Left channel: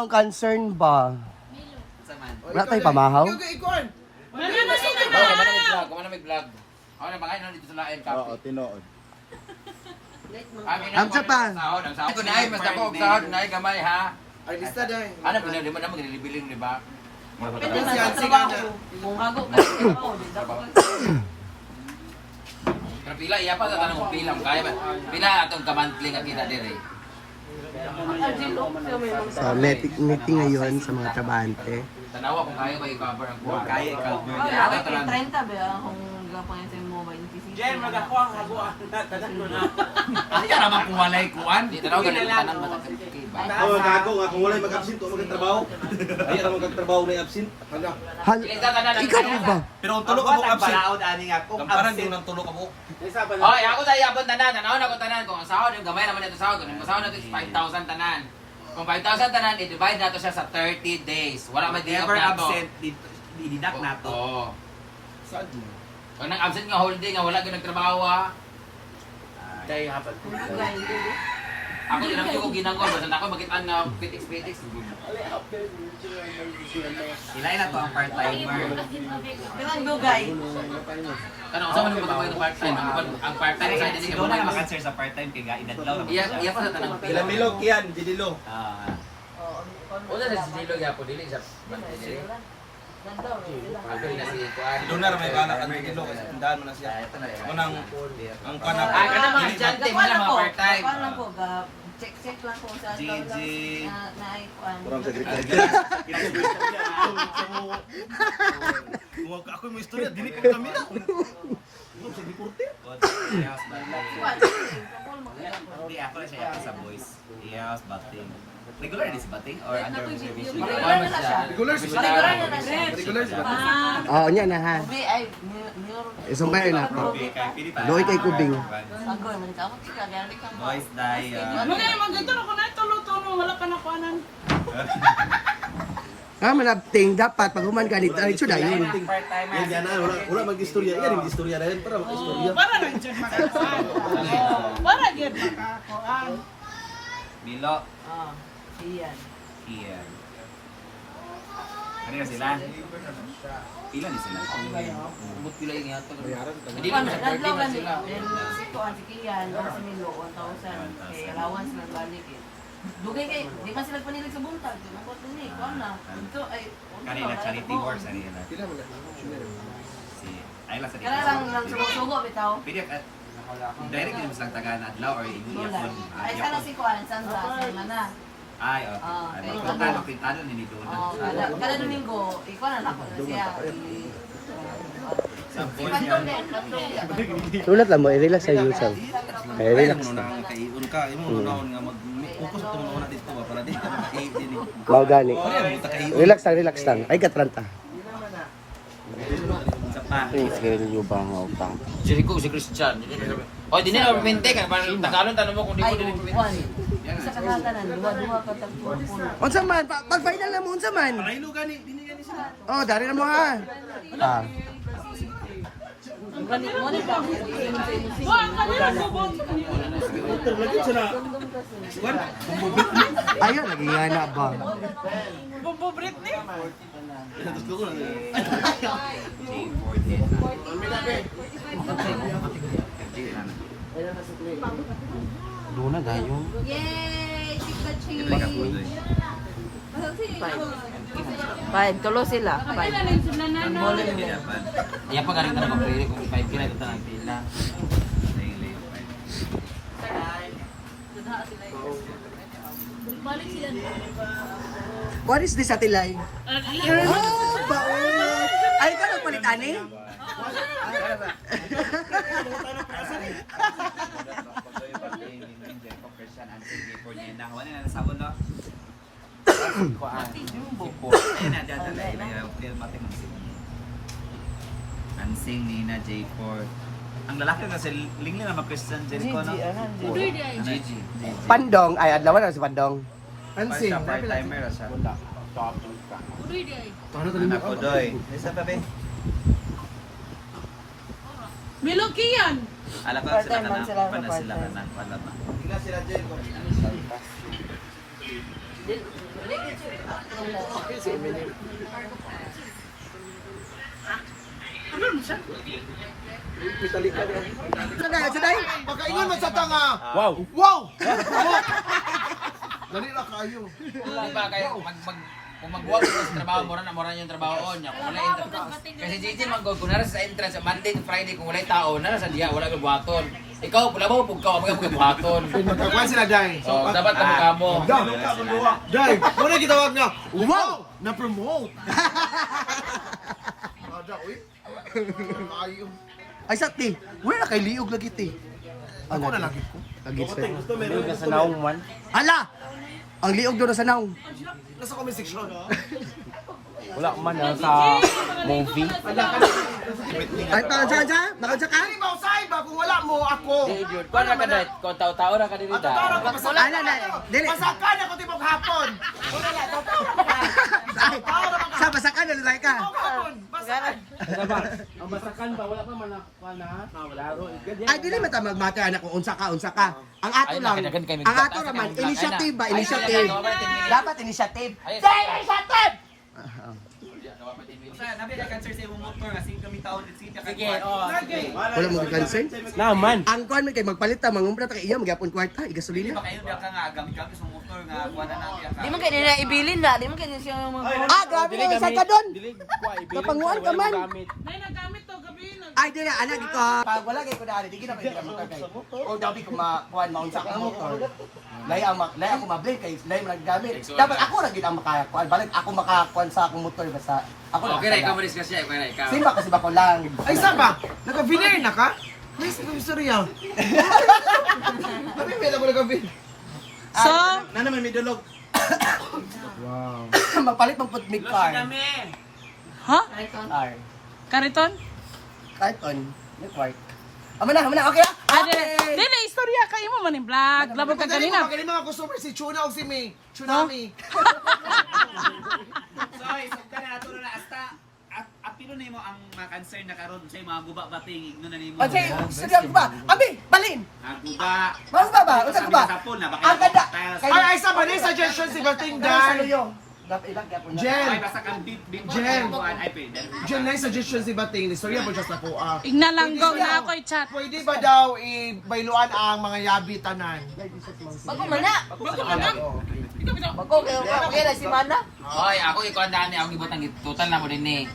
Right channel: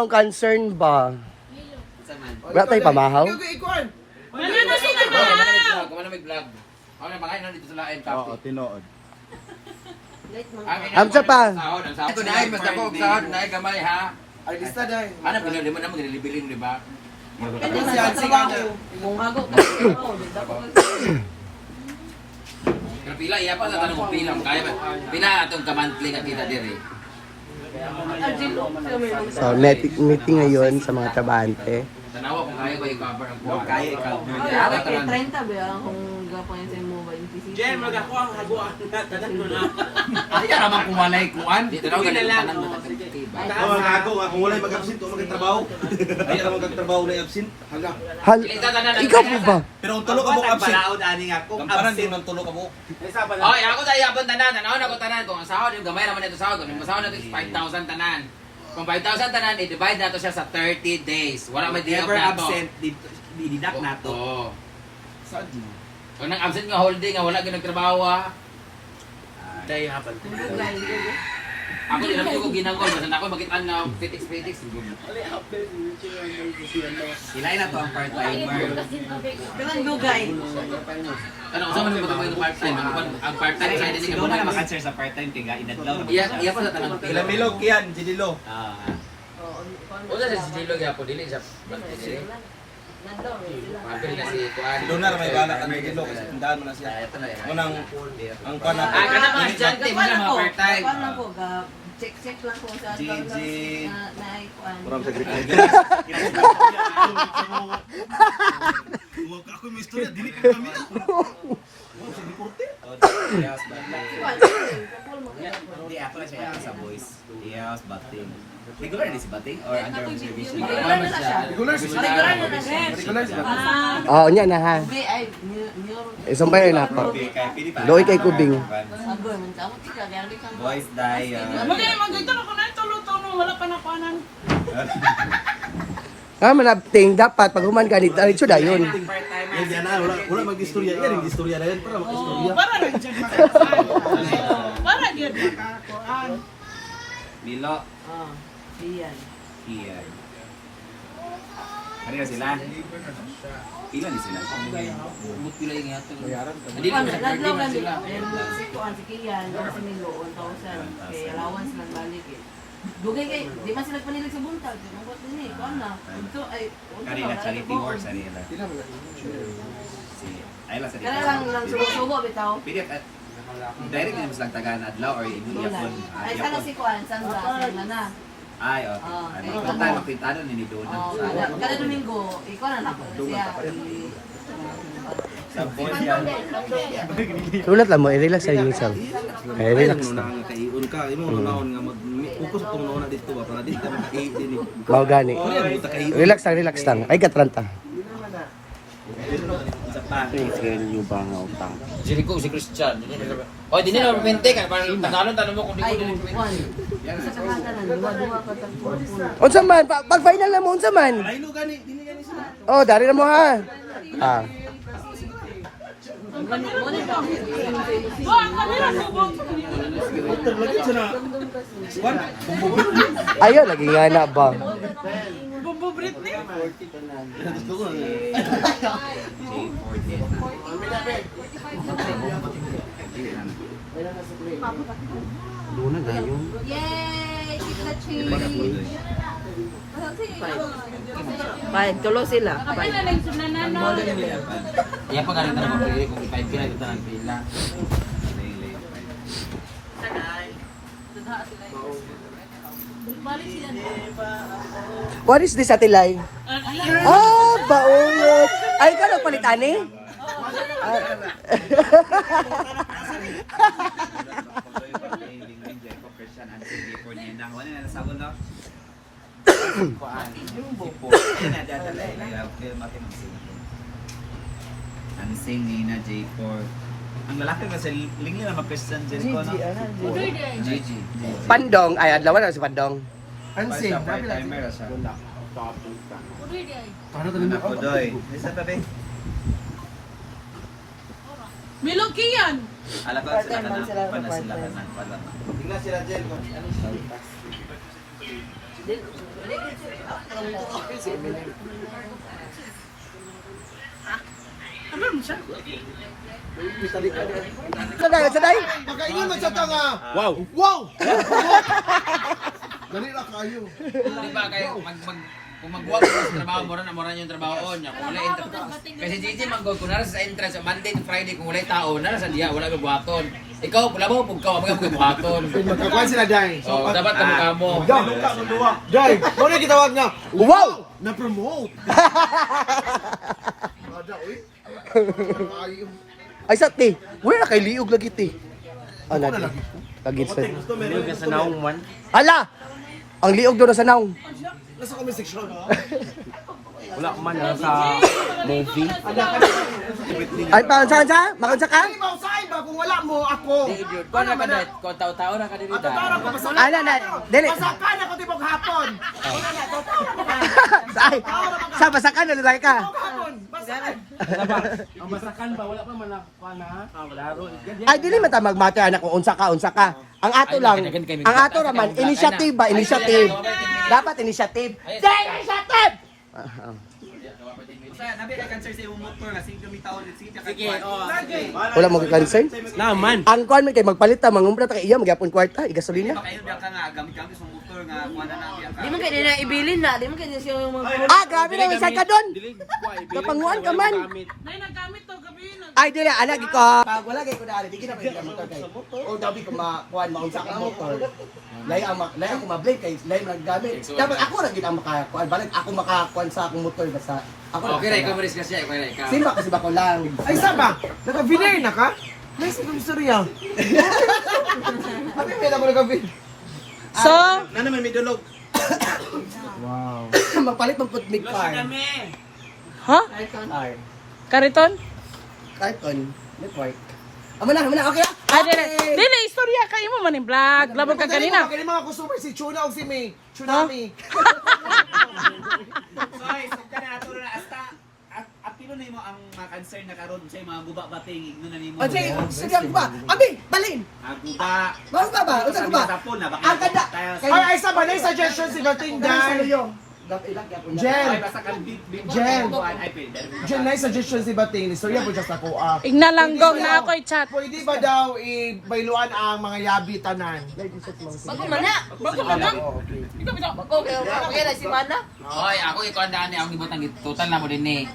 akong concern ba? Wala tayo pamahaw? Kung may vlog. Ako na bakain na dito sa lain copy. Tinood. Amsa pa. Ang sahod. Ito na ay mas ako sahod na ay gamay ha. Ay lista dai. Ano po na naman maglilibiling di ba? Pwede man sa trabaho. Kung hago ka sa trabaho, di dapat Pero pila iya pa sa tanong mo pila kung kaya ba? Pila atong ka-monthly nga kita diri. So, meeting ngayon sa mga trabahante. Tanawa kung kaya ba i-cover ang kuha. Kaya i-cover. Ay, kay 30 ba kung gapain sa mobile PC. Jen, magakuha ang haguan. Tanan mo na. Ay, ka naman kung walay kuan. Di tanaw ganito tanan mo na Oo, ako nga, kung walay mag-absent, tulog ng trabaho. Hindi naman mag-trabaho na absent. Haga. Hal, ikaw po ba? Pero kung tulog ka mo absent, Balaod ani nga ko. gamparan din ng tulog ka mo. Oy, ako tayo abon tanan. Ang ako tanan kung ang sahod yung gamay naman ito sahod. Kung ang sahod natin is 5,000 tanan. Kung 5,000 tanan, i-divide nato siya sa 30 days. Wala may Never di-up nato. absent, dididak na to. Oo. Kung nang-absent nga holding, nga wala ginagtrabaho ha. Kaya hapon. Ako din naman ko ginangol. Basta ako magitan na critics. Ilay na to ang part-timer. Pero ang dugay. Ano, usama naman ito yung part-time. Ang part-time side din Siguro na ka maka-answer sa part-time kay inadlaw na. Iya ko sa tanang pila. Bilog yan, Jidilo. Una sa Sijilo ya po dili siya. Apil na si Kuan. Donar may bala ka ng Jidilo kasi tindahan mo na siya. Munang, ang kuan na. Ah, kana mga estudyante mo na mga part-time. Kuan lang ko, check lang ko sa GG. na ay kuan. Ako may istorya, dili ka kami. Hindi ako na siya sa boys. Yes, Bating. Regular na si Bating or under observation? Regular na siya. Regular na siya. Oo, niya na ha. Ubi ay neuro. Isumpay na ako. Pilipinas. Doy kay Kubing. Agoy man ka mo tika dali kang. Boys die. Ah, manabting dapat pag human ka dito, diretso dayon. Yan na, wala mag-istorya. Yan, mag-istorya na yan para mag-istorya. Milo. Oh, iyan. Iyan. Ano sila? Ilan din sila? Umot pila yung hatag. Hindi Hindi ko sa 30 nadlaw na man sila. si kuan si Kian, sa Milo 1,000 kay allowance nang balik eh. Dugay kay di man sila panilig sa buntag, nabot ni kuan na. Ito ay Kanila charity work sa nila. Si Ayla sa Kaya lang subo bitaw. Pili at direct din mas lang taga na adlaw or iyapon. Ay sana si kuan Sandra sa mana. Ay, okay. Ano, punta makita ni doon. Oh, kada Domingo, ikaw na nako siya. Sa boys yan. Sulat lang mo, i-relax sa iyo self. Ay, nang nuna nga kaiun ka. Imo nunahon nga mag-focus itong nuna dito ba para di ka maka-aid din eh. Mga gani. Ano yan, buta kaiun. Relax lang. Ay, katranta. Sa pa. Kaya nyo ba nga utang? Jericho si Christian. Oy, di nila pimente ka. Tanalon tanong mo kung di Ay, ko din kuan. Sa kanatanan, duwa ka tang puno. Unsa man, pag final na mo, unsa man? Ay, no, gani, dili gani sila. Oh, dari na mo ha. Ah. Ayaw, lagi nga na ba? Doon na gayon. Yay! Chicken Ito yung apoy. Five, tulo sila. Five. Iya pa ganito na mag-pili kung 5 pila ito ng pila. What is this, Atilay? Oh, baulot. Ay, ka nagpalit, ani? Ansing Nina J4. Ang lalaki kasi lingling na mag-Christian Jericho, no? Gigi. Pandong, ay, adlawan na si Pandong. Siya part-timer siya. Anak ko doy. Isa ka, Ben? Milokian. Alam ko sila ka na, pana sila ka na, pala pa. Tingnan sila dyan. Saday. Pagkaingon mo sa tanga. Wow. Wow! Dali na kayo. Diba kayo, kung magbuwag ka sa trabaho, mura na yung trabaho niya. Kung wala kasi Gigi, kung nara sa entrance, sa Monday to Friday, kung wala tao, nara sa diya, wala may buhaton. Ikaw, wala mo, pag ka, mga buhaton. Magkakuan sila, Day. So, dapat ka mukha mo. Day, ano yung gitawag nga? Wow! Na-promote! Mada, uy. Ayaw. Ay sa ti. Wala kay liog lagi ti. Ako na lagi ko. Lagi sa naong man. Hala. Ang liog do na sa naong. Nasa comment section. Wala man sa movie. Ay pa sa? Makunsa ka? Ay, mausay ba kung wala mo ako? Kung na ka na, kung tao-tao na ka dito. Matuturo ko, masakan. Ala na. Dili. Masakan ako tibok hapon. Wala na, tuturo ko ka. Ay. Sa basakan na lalaki ka. Tibok hapon, masakan. Ay dili man ta magmate anak ko unsa ka. Ang ato lang. Ang ato naman initiative ba? Initiative. Dapat initiative. Initiative. Sa nabi kay cancer sa imong motor nga sige kami taon dit sige Wala mo concern? Naman. Ang kuan man kay magpalit ta mangumpra ta kay iya magyapon kwarta, igasolina. kayo ka nga gamit sa motor nga kuha na natin Di man kaya nila ibilin na, di man kaya siya mga Ah, grabe na isa ka doon. Kapanguan ka man. May nagamit to gabi na. Ay dili anak ko. Pag wala kay ko dali, di na pwede ka motor kay. O dabi ko makuan maunsa ka motor. Lay ako ma-blame kay lay man gamit. Dapat ako ra gid ang makakuan. Balik ako makakuan sa akong motor basta ako. Okay, ikaw maris ka siya, ikaw. Simba kasi ba ko lang. Ay, saba? Naka-veneer na ka? Yes, ikaw istorya. Abi, may na mo naka-veneer. So, Nana may midulog. magpalit ng putmig car. Ha? Car. Kariton? Carton. May park. Amo na, okay na? Ay, dili, istorya kayo mo man yung vlog. Labog ka kanina. Magaling mga customer, si Chuna o si May. Tsunami. Sorry, so kana ato na hasta apilo na imo ang mga concern na karon sa mga guba bating igno na nimo. Kasi, sige ba? Abi, balin. Guba. Mas ba? Unsa ko ba? Ang ganda. Ay, saba na yung suggestion si Bating Dan. Jen. Ay basta kan Jen. ay pwede. Jen, na yung suggestion si Bating. Istorya po just ako. Ignalanggong na ako i-chat. Pwede ba daw i-bailuan ang mga yabi tanan? Bago mana. Bago ka na? Bago kaya si mana. Oy, ako ikaw ang dami ang gibutang total na mo din ni.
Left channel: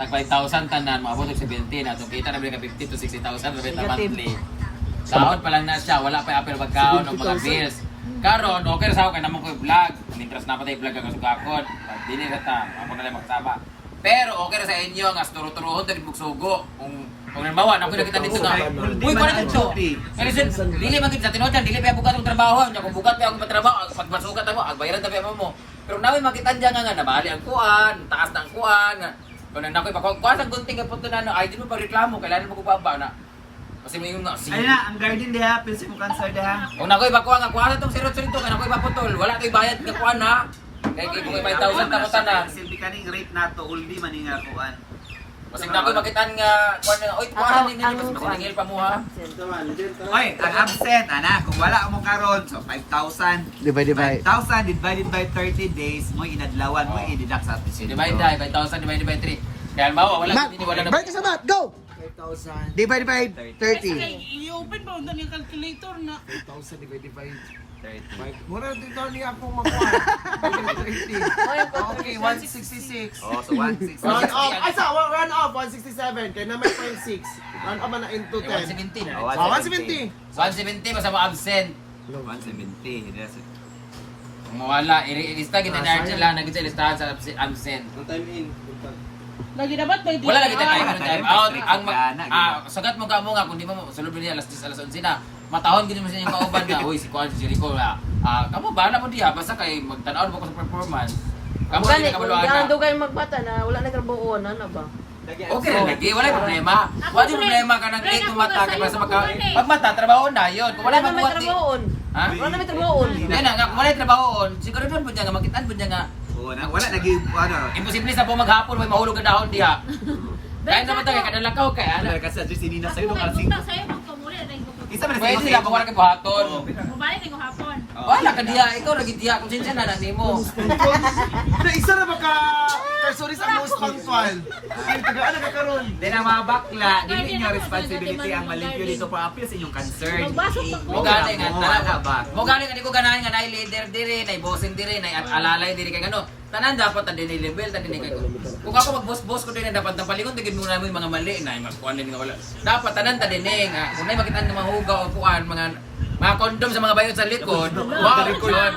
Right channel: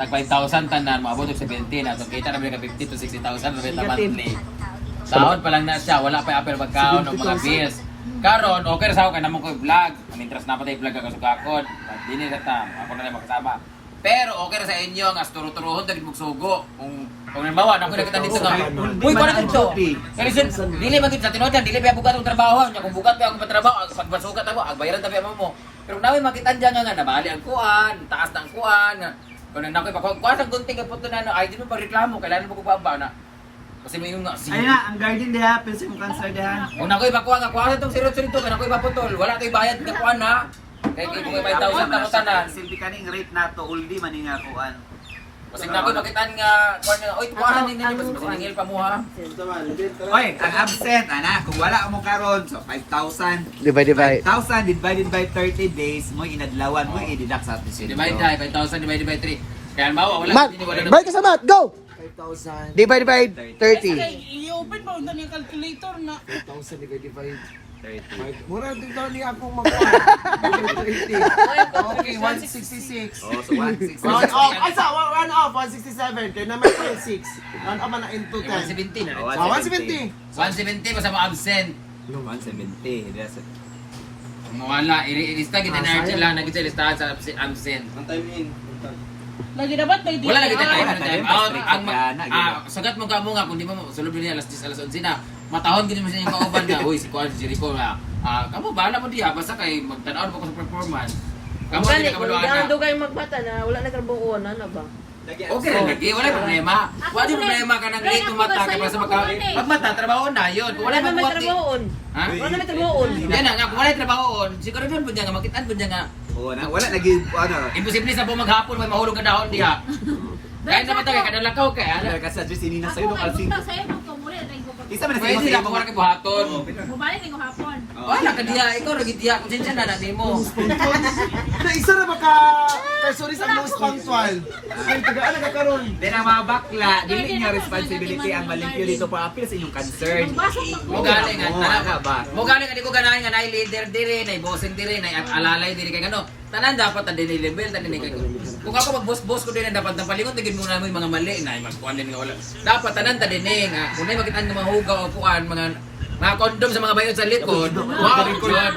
Tag 5,000 tanan, maabot og 17 na. Itong kita na ka 50 to 60,000 na monthly. Sahod pa lang na siya, wala pa apel pagkaon o mga bills. Karon, okay ra sa ako kay namon ko vlog. Ang interest na patay vlog ka sugakon. Dili ra ta, ako na lang makasama. Pero okay ra sa inyo nga turo-turuhon tagid mugsugo. Kung halimbawa, ako nakita dito nga. Uy, ko na dito. Pero dili man gid sa tinuod dili pa bugat ang trabaho. Kung bugat pa ako patrabaho, pag masugat ako, agbayaran tabi mo. Pero nawi makita diyan nga nabali ang kuan, taas ng kuan. Kung nakoy pa kuan ang gunting kapot na ay di mo pa reklamo, kailangan mo ko baba na. Kasi may nga Ay na, ang garden diha pinsa mo cancer diha. kung nakoy bakuha nga kuha itong sirot-sirito kay nakoy maputol, wala kay bayad nga kuha na. Kay kung may 5,000 na tanan. Silbi kaning rate nato uldi man ni nga kuan. Kasi nakoy makitaan nga kuha nga, oy tuwasan ni nini mas masiningil pa mo ha. Oy, ang absent ana, kung wala mo karon so 5,000. Divide. 5,000 divided by 30 days mo inadlawan mo i-deduct sa atin sila. Divide by 5,000 divided by 3. Kaya halimbawa wala Mat, hindi wala. balik ka sa mat, go! 5,000. Divide by 30. I-open pa unta yung calculator na. 5,000 divide. Mura din daw niya ako mag-30. Okay, 166. Oh, so 160. Run off. Ay, sa run off, 167. Kaya naman 6. Run off man na into 10. 170. Ah, 170. 170 basta mo absent. 170. Hindi sa Wala, ilista gid na lang nagit sa listahan sa absent. Lagi dapat may Wala lagi tayo Wala, time tayo, out. strict Ang ka na, sagat mo ka mo nga kung di mo sulod niya alas 10 alas 11 na. Matahon gid mo sa inyong kauban nga. Uy, si Kuan si Rico nga. Kamo bahala mo diha basta kay magtan-aw mo ko sa performance. Kamo Gani, di ka maluan na. kung dugay magbata na wala na karbuon ano ba? Okay lang lagi, wala problema. Wala problema ka nang late tumata kay basta pag mata trabaho na yun. Kung wala Wala na may magbuhat. trabahoon. Ha? Wala na may trabahoon. Yan na nga, kung wala trabaho siguro doon po niya nga makitaan po niya nga. Oo na, wala lagi ano. Imposible sa po maghapon may mahulog ka dahon diha. Dahil naman tayo kadalakaw kay ana. Ano ka sa Nina sa'yo nung alsing. Sa'yo, magpamuli, aray ko pa Isa man Pwede sila kung wala kay buhaton. Mobile ko hapon. Wala ka diya, ikaw lagi diya kung sinsya na natin mo. Na isa na baka Karsoris ang most punctual. Kaya tagaan na kakaroon. Di na mga bakla, dili niyo responsibility ang malimpyo dito pa appeal sa inyong concern. Magbasok pa Mo galing nga Wala ba? Mo galing nga di ko ganahan nga nay leader diri, nay bossin diri, nay alalay diri kay ano. Tanan dapat ta dinay level, ta dinay kay. Kung ako mag-boss ko din dapat nang palingon tigid muna namin mga mali nay magkuan din nga wala. Dapat tanan ta dinay nga. Kung nay makita ng mga hugaw o kuan mga kondom sa mga bayon sa likod. Wow, yun.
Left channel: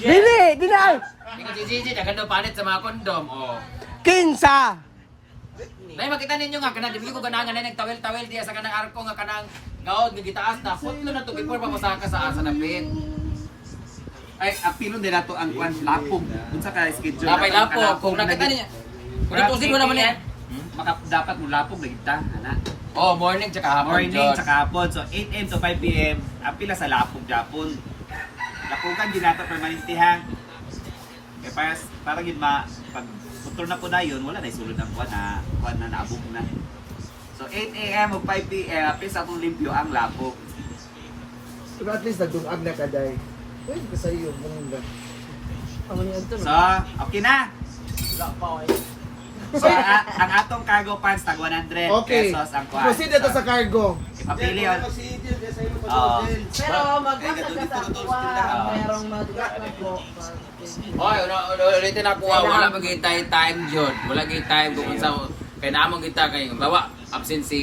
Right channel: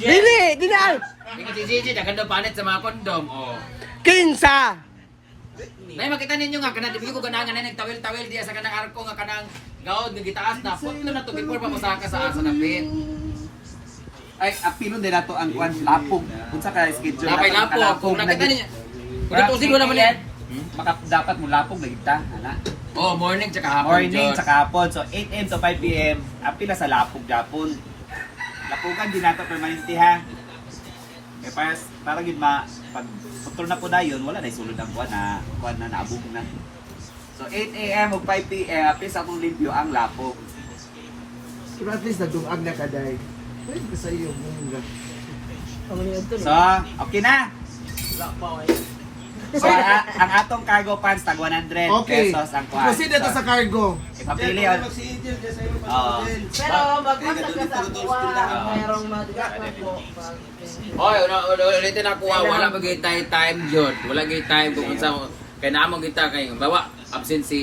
Dili, dili. Ikaw si Gigi, naganda palit sa mga kondom. Oh. Kinsa. Nay makita ninyo nga kana dili ko ganahan nga nagtawel-tawel diya sa kanang arko nga kanang gaod nga gitaas na putlo na to before papasaka sa asa na pin. Ay, apilo din nato ang kuan lapog. Unsa ka schedule? Lapay lapo kung nakita niya. Kung ito sino naman yan? Dapat mo lapog na kita, ana. Oh, morning tsaka hapon. Morning Jod. sa hapon. So 8 AM to 5 PM, apila sa lapog japon. Lapogan din nato permanente ha. Eh para gid pag putol na po na yun, wala na isulod ang kuan na naabog na. So 8 AM o 5 PM, apila sa atong limpyo ang lapog. Pero at least nagdungag na kaday. Pwede ka sa iyo, mungga. So, okay na. So, ang atong cargo pants tag 100 Okay. pesos ang kuan. Proceed na to sa cargo. Ipapili yun. Oo. Pero magkakita ka sa mayroong Oy, ulitin ako wala magay time jud. Wala gay time kung unsa kay naamo kita kay bawa absent si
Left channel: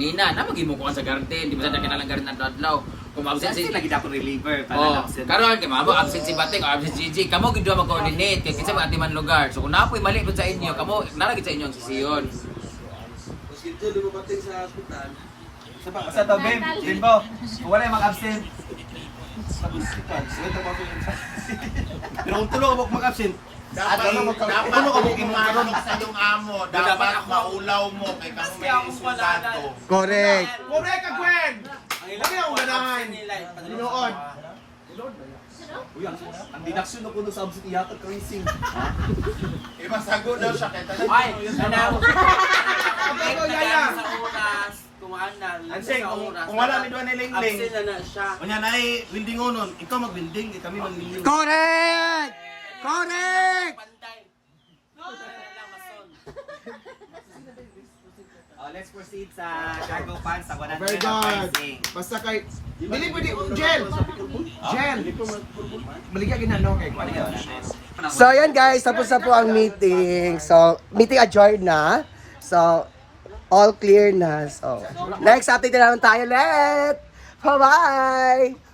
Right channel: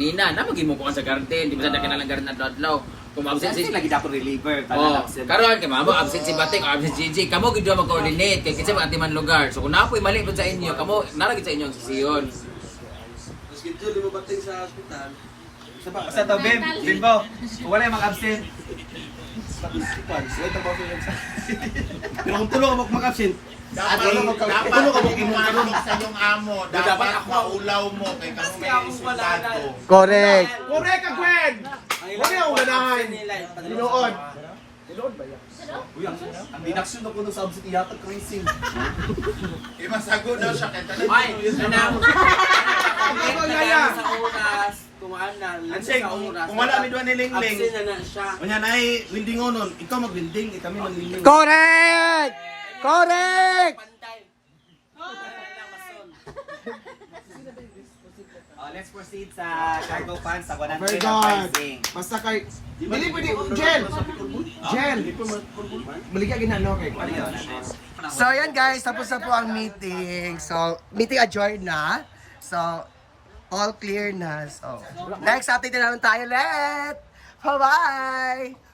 Nina, na magimo ko sa garden, di ba sa kinalang garden adlaw. Kung absent si Kasi lagi dapat reliever. Oh, Absent. karon kay mamo absent si Batik, absent si Gigi, kamo gid mag-coordinate kasi mga atiman lugar. So kung napoy mali dun sa inyo, kamo naragid sa inyo ang sisiyon. Sa to, Bimbo, kung wala yung mag-absent, Pero kung tulo ako mag-absent, Dapat sa yung amo, dapat maulaw mo kay kamo may isulado. Correct. correct ka, Gwen! Wala akong ganahan. Dinoon. Ang deduction na kuno sa absent iyato tracing. Imasago daw siya kay tanan. Ay, ano? Ako, Yaya. Sa oras, kumaan na. Anseng, kung wala mi doon ni Lingling. Kunya na windingonon, ikaw magwinding, kami manlingling. Correct. Correct. let's proceed sa cargo pants sa 100 Very ang good. pricing. Basta kay dili pwede Jen. Jen. Baligya ginano kay kuan. So yan guys, tapos na po ang meeting. So, meeting adjourned na. So, all clear na. So, next update na naman tayo ulit. Bye-bye!